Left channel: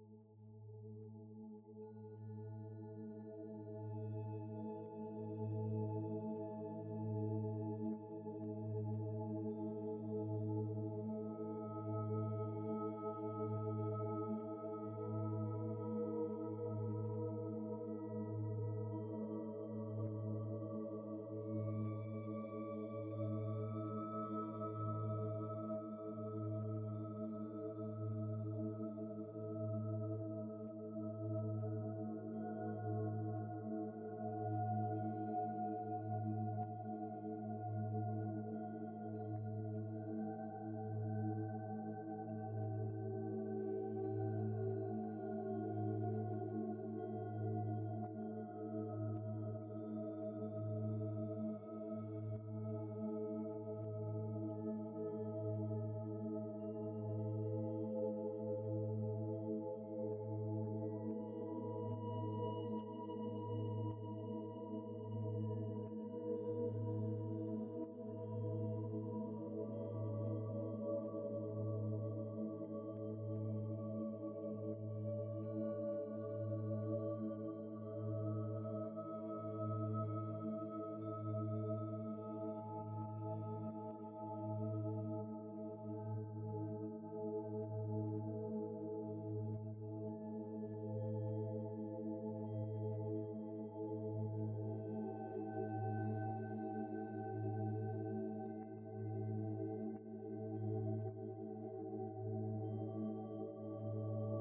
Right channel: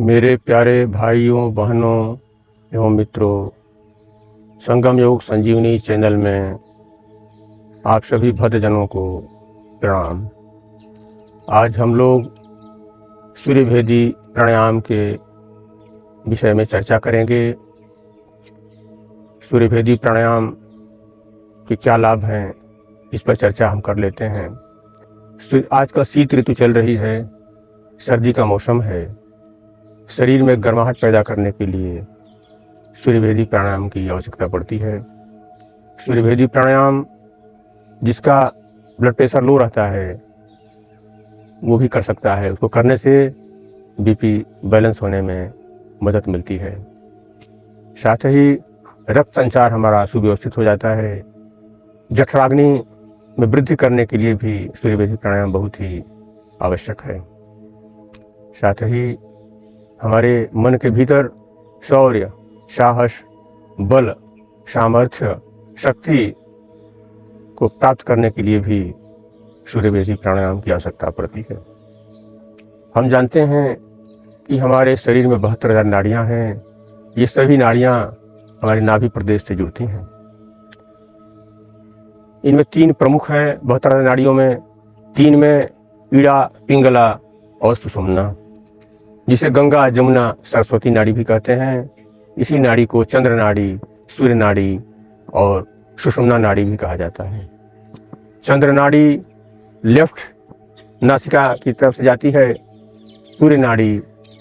मेरे प्यारे भाइयों बहनों एवं मित्रों, संगम योग संजीवनी चैनल में आप सभी भक्तजनों को प्रणाम। आज हम लोग सूर्यभेदी प्राणायाम के विषय में चर्चा करेंगे। सूर्यभेदी प्राणायाम के क्या लाभ हैं, इस पर चर्चा हम कर लेते हैं। आज का शीत ऋतु चल रही है, सर्दी का मौसम है। शरीर में गर्माहट पैदा करने के लिए सूर्यभेदी प्राणायाम की आवश्यकता पड़ती है। सूर्यभेदी प्राणायाम जिसका ब्लड प्रेशर लो रहता है वो भी कर सकता है। उसको करने से बीपी बैलेंस होने में मदद मिलती है। साथ ही रक्त संचार हमारा सुव्यवस्थित हो जाता है। जठराग्नि में वृद्धि करने के लिए भी सूर्यभेदी प्राणायाम बहुत ही आवश्यक है। साथ ही हमारे मन के भीतर शौर्य, साहस, बल, सामर्थ्य, शक्ति को प्राप्त करने के लिए भी सूर्यभेदी प्राणायाम की आवश्यकता पड़ती है। हम जानते हैं कि हमारे शरीर में 72,000 नाड़ियाँ हैं। ये सभी नाड़ियाँ हमारे नाभि प्रदेश से जुड़ती हैं। इनमें 3 प्रमुख हैं 72,000 नाड़ियों में। 3 में ईड़ा, पिंगला और सुषुम्ना, जिसे गंगा, जमुना, सरस्वती नाड़ी भी कहते हैं। इसी नाड़ी को चंद्र नाड़ी, सूर्य नाड़ी और सुषुम्ना नाड़ी भी कहा जाता है। चंद्र नाड़ी लेफ्ट नासिका की तरफ से जाती है, सूर्य नाड़ी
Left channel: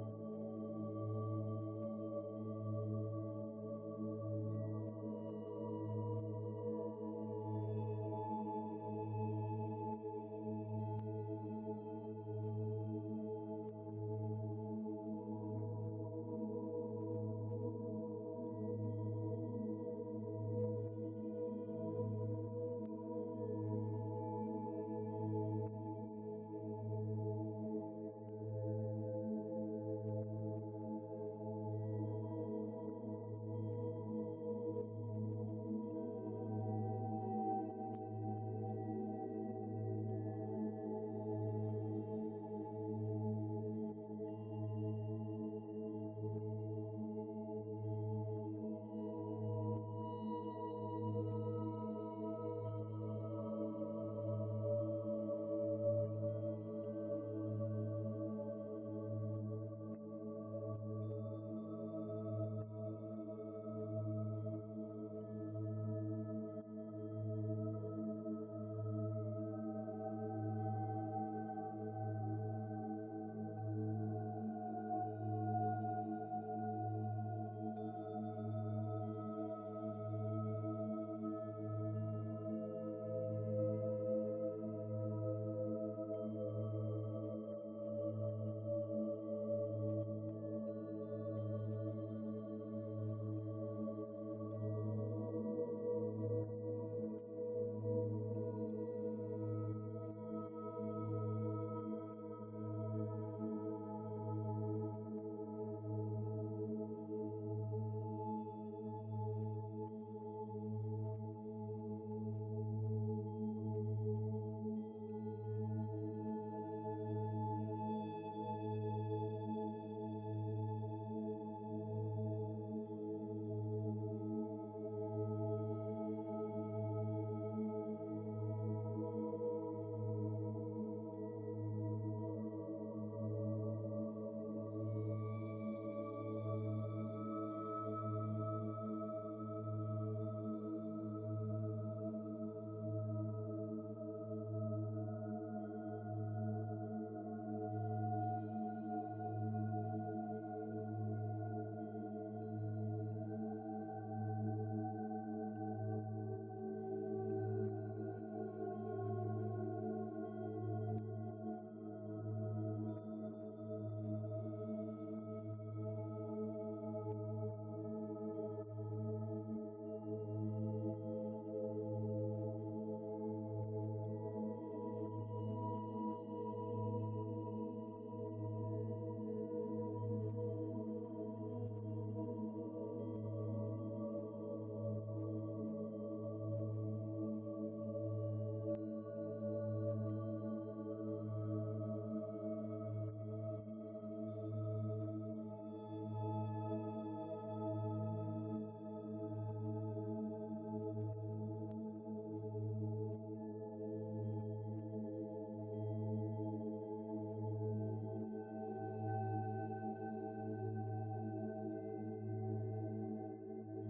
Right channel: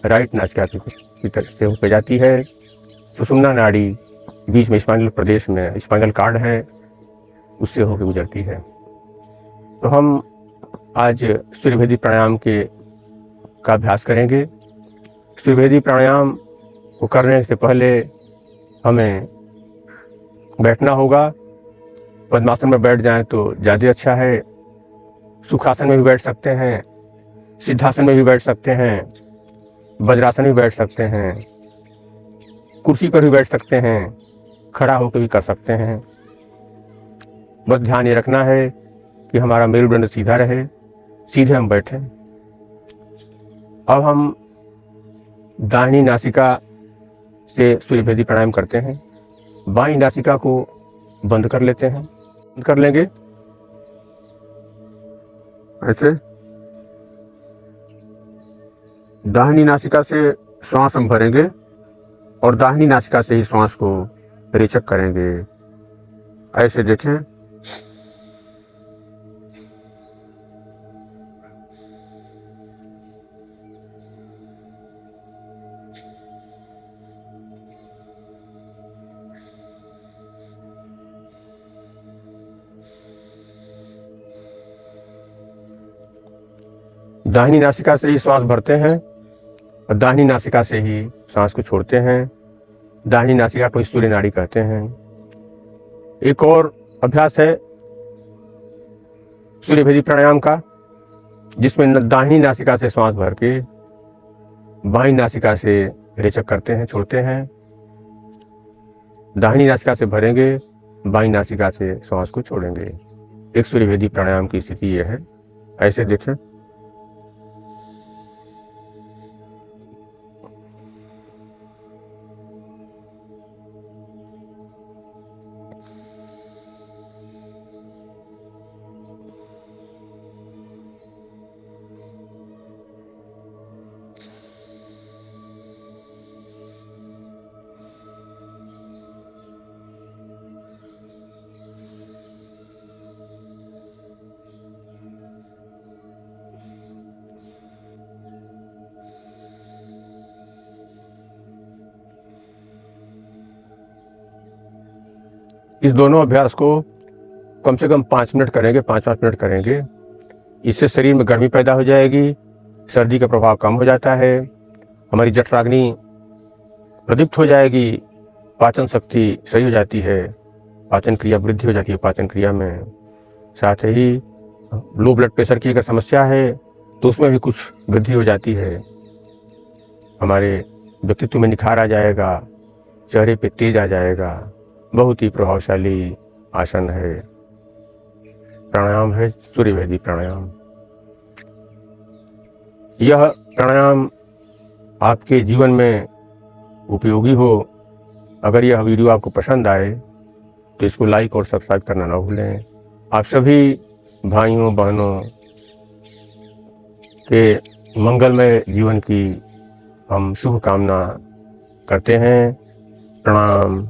राइट नासिका की तरफ से होकर जाती है। सुषुम्ना नाड़ी बीच में स्पाइनल प्रदेश में स्पाइनल कार्ड है, उससे होकर गुजरती है। तो हम आज सूर्यभेदी प्राणायाम का अभ्यास करेंगे। सूर्यभेदी प्राणायाम को करने से पहले हमें बैठना होगा। पद्मासन में बैठ जाएं तो ज़्यादा अच्छा है। सुखासन में भी बैठ सकते हैं, सिद्धासन में भी बैठ सकते हैं, वज्रासन में भी बैठ सकते हैं, कुर्सी पर भी बैठ सकते हैं, खड़ा होकर भी कर सकते हैं। बस ध्यान ये रखना है कि हमारा मेरुदंड सीधा रहे, सीधे हम बैठें। अब हम दाहिनी नासिका से सूर्यभेदी प्राणायाम करते हैं। बाईं नासिका को बंद कर लेते हैं। बंद कर लेंगे ऐसे। दाहिनी नासिका से श्वास हम भरेंगे और दाहिनी नासिका से ही श्वास को रेचक करेंगे। ऐसे देखें। दाहिनी नासिका से ही श्वास भरते हैं और दाहिनी नासिका से ही सांस को छोड़ते हैं। दाहिनी नासिका को सूर्य नाड़ी कहते हैं। एक और अभ्यास है सूर्यभेदी प्राणायाम का, जिसमें दाहिनी नासिका से श्वास भर के बाईं नासिका से रेचक करते हैं, छोड़ते हैं। दाहिनी नासिका से भरेंगे, बाईं नासिका से श्वास को छोड़ेंगे। एक सूर्यभेदी प्राणायाम की स्थिति यह है। ऐसे देखें। इस दोनों अभ्यास को कम से कम 5 मिनट करेंगे, 5-5 मिनट करेंगे। इससे शरीर में गर्मी पैदा हो जाएगी, सर्दी का प्रभाव कम हो जाता है, हमारी जठराग्नि प्रदीप्त हो जाएगी, पाचन शक्ति सही हो जाती है, पाचन क्रिया वृद्धि हो जाती है पाचन क्रिया में। साथ ही लो ब्लड प्रेशर की अगर समस्या है तो उसमें भी कुछ वृद्धि हो जाती है। हमारे व्यक्तित्व में निखार आ जाएगा, चेहरे पे तेज आ जाएगा। बहुत ही प्रभावशाली आसन है, प्राणायाम है सूर्यभेदी प्राणायाम। यह प्राणायाम आपके जीवन में उपयोगी हो। अगर यह वीडियो आपको पसंद आए तो इसको लाइक और सब्सक्राइब करना ना भूलें। आप सभी भाइयों बहनों के मंगलमय जीवन की हम शुभकामना करते हैं। प्रणाम।